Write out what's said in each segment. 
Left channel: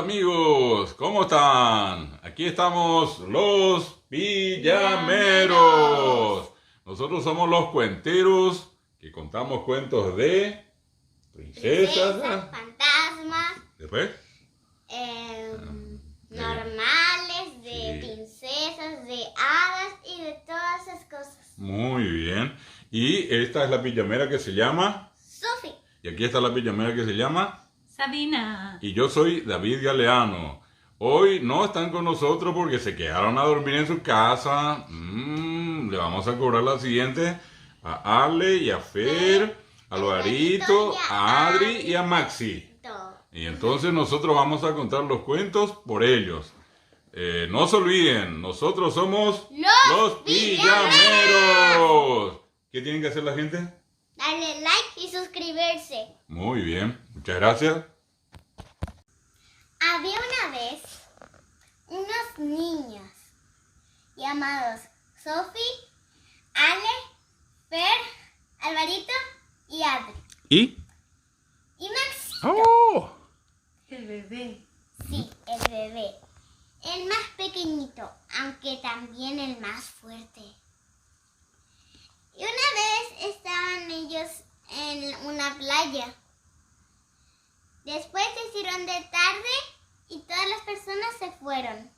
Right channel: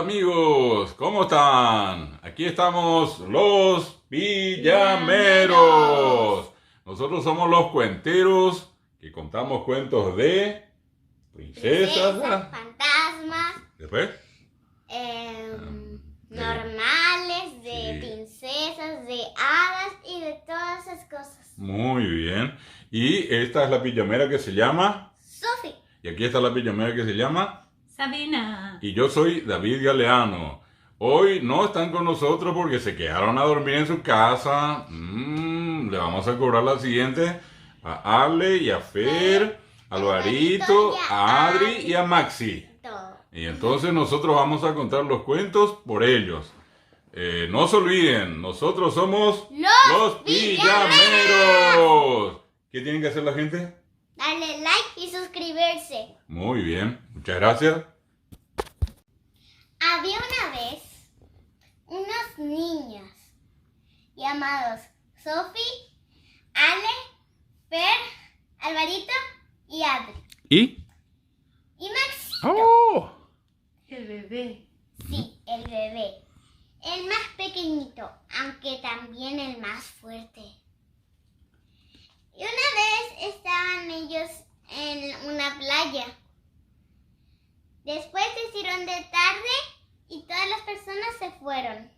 Hola amigos, ¿cómo están? Aquí estamos los Villameros. Nosotros somos los cuenteros que contamos cuentos de princesas, fantasmas, después normales, de sí. princesas, de hadas y de todas esas cosas. Muy bien. Y esta es la pijamera que se llama Sophie. Y aquí está la pijamera que se llama Sabina. Y yo soy David Galeano. Hoy no están con nosotros porque se quedaron a dormir en su casa. Le vamos a cobrar la siguiente a Ale y a Fer, a Alvarito, a Adri y a Maxi. Y entonces nosotros vamos a contar los cuentos por ellos. No se olviden, nosotros somos los Villameros. ¿Qué tienen que hacer la gente? Darle like y suscribirse. Muy bien, muchas gracias. Había una vez unos niños llamados Sophie, Ale, Fer, Alvarito y Adri. ¿Y? Y Maxito. ¡Oh! El bebé. Sí, el bebé. El más pequeñito, aunque también el más fuerte. Y una vez estaban ellos en una playa. Después se hicieron de tarde y todas las personas se fueron.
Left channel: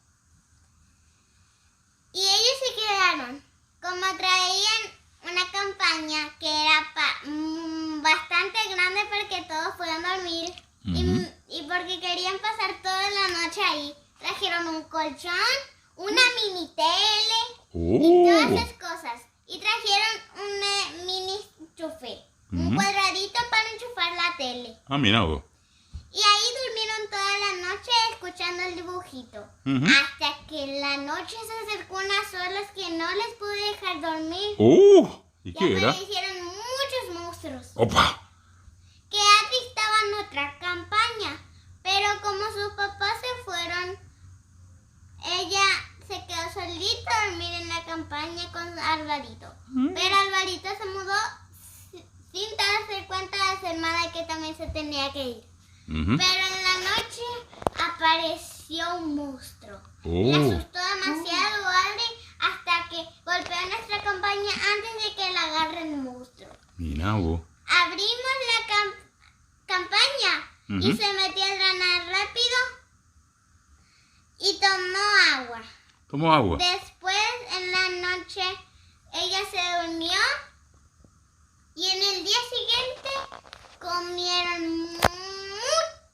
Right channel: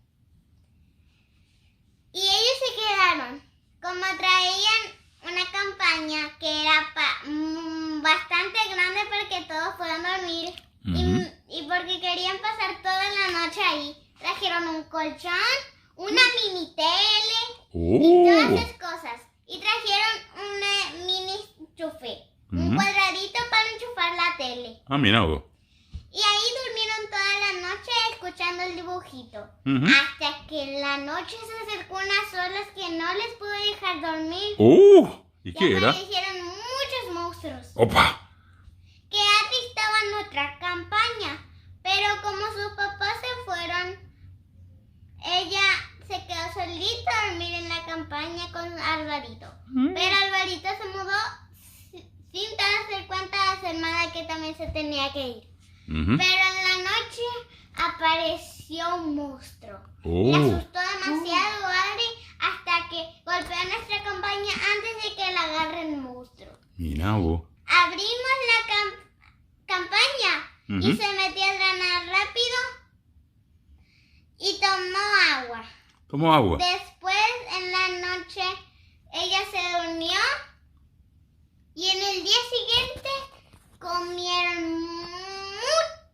Y ellos se quedaron. Como traían una campaña que era bastante grande porque todos fueron a dormir. Y porque querían pasar toda la noche ahí. Trajeron un colchón, una mini tele y todas esas cosas. Y trajeron un mini enchufe, un cuadradito para enchufar la tele. Ah, mira vos. Y ahí durmieron toda la noche escuchando el dibujito. Hasta que en la noche se acercó unas olas que no les pude dejar dormir. ¿Y Y qué era? aparecieron muchos monstruos. ¡Opa! Que Adri estaba en otra campaña. Pero como sus papás se fueron, ella se quedó solita a dormir en la campaña con Alvarito. Pero Alvarito se mudó sin darse cuenta de su hermana que también se tenía que ir. Pero en la noche apareció un monstruo. Le asustó demasiado a Adri hasta que golpeó nuestra campaña antes de que la agarre el monstruo. Mira vos. Abrimos la campaña y se metió a drenar rápido y tomó agua. ¿Tomó agua? Después, en la noche, ella se durmió y en el día siguiente comieron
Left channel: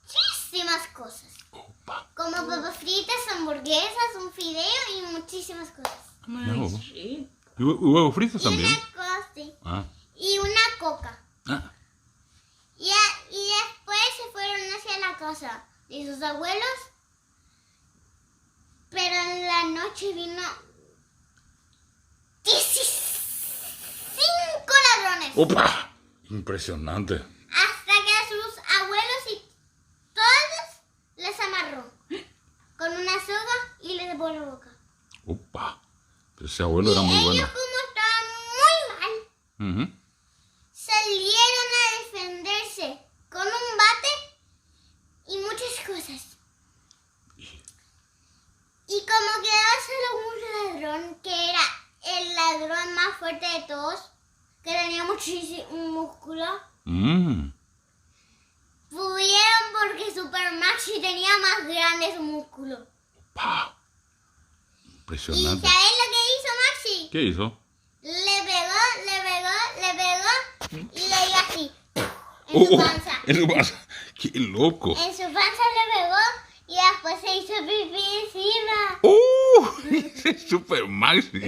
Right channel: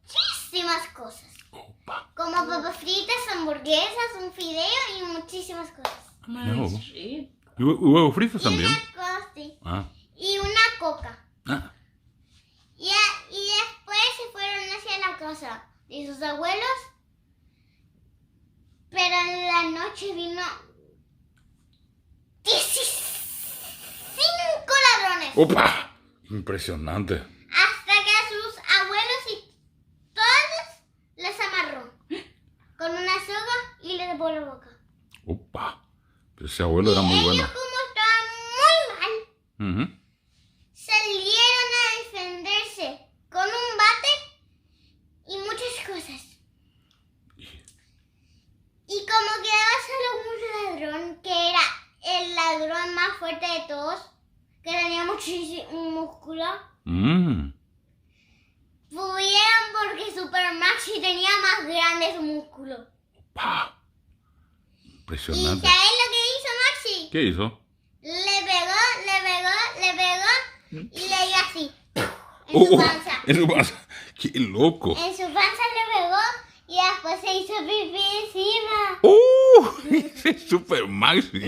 muchísimas cosas. Opa. Como papas fritas, hamburguesas, un fideo y muchísimas cosas. Mira vos. Sí. ¿Y huevos fritos también? Una cosa, sí. Ah. Y una coca. Ah. Y después se fueron hacia la casa de sus abuelos. Pero en la noche vino 15 ladrones. ¡Opa! Impresionante. Hasta que a sus abuelos y todos les amarró con una soga y les dejó la boca. ¡Opa! Pero ese abuelo era muy Ellos, bueno. como estaban muy mal, salieron a defenderse con un bate y muchas cosas. Y como quedaba solo un ladrón, que era el ladrón más fuerte de todos, que tenía muchísimo músculo, pudieron porque Super Maxi tenía más grandes músculos. ¡Opa! ¿Y Impresionante. sabes lo que hizo Maxi? ¿Qué hizo? Le pegó y le dio así, en su panza. En su panza. ¡Qué loco! En su panza le pegó y después se hizo pipí encima. Ese es Super Maxi. Y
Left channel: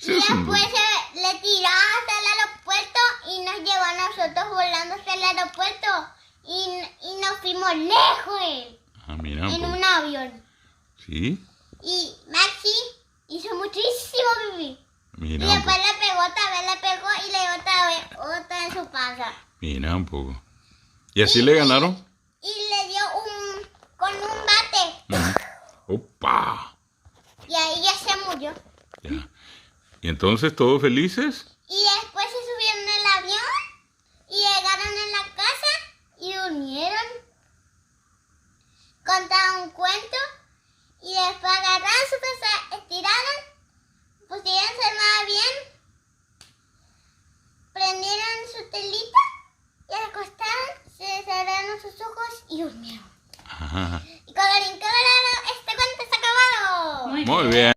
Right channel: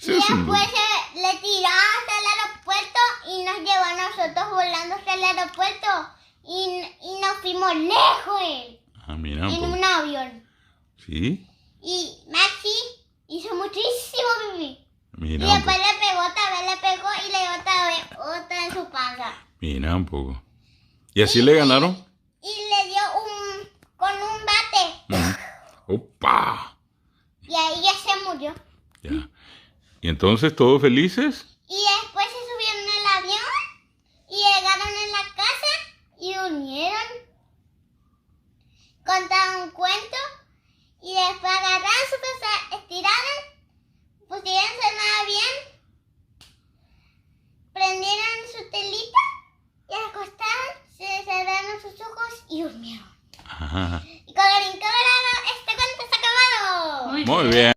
Ese es un después loco. le tiró hasta el aeropuerto y nos llevó a nosotros volando hasta el aeropuerto. Y nos fuimos lejos Ah, mira. en un avión. ¿Sí? Y Maxi hizo muchísimo pipí. Mira Y un después poco. le pegó otra vez y le dio otra en su panza. Mira un poco. ¿Y así le ganaron? Y le dio con un bate. ¡Opa! Y ahí ya se murió. Ya. ¿Y entonces todos felices? Y después se subieron al avión y llegaron a la casa y durmieron. contaban un cuento y después agarraron su casa, estiraron, pusieron nada bien, prendieron su telita y acostaron, se cerraron sus ojos y durmieron. Ajá. Y colorín colorado, este cuento se ha acabado. Muy bien.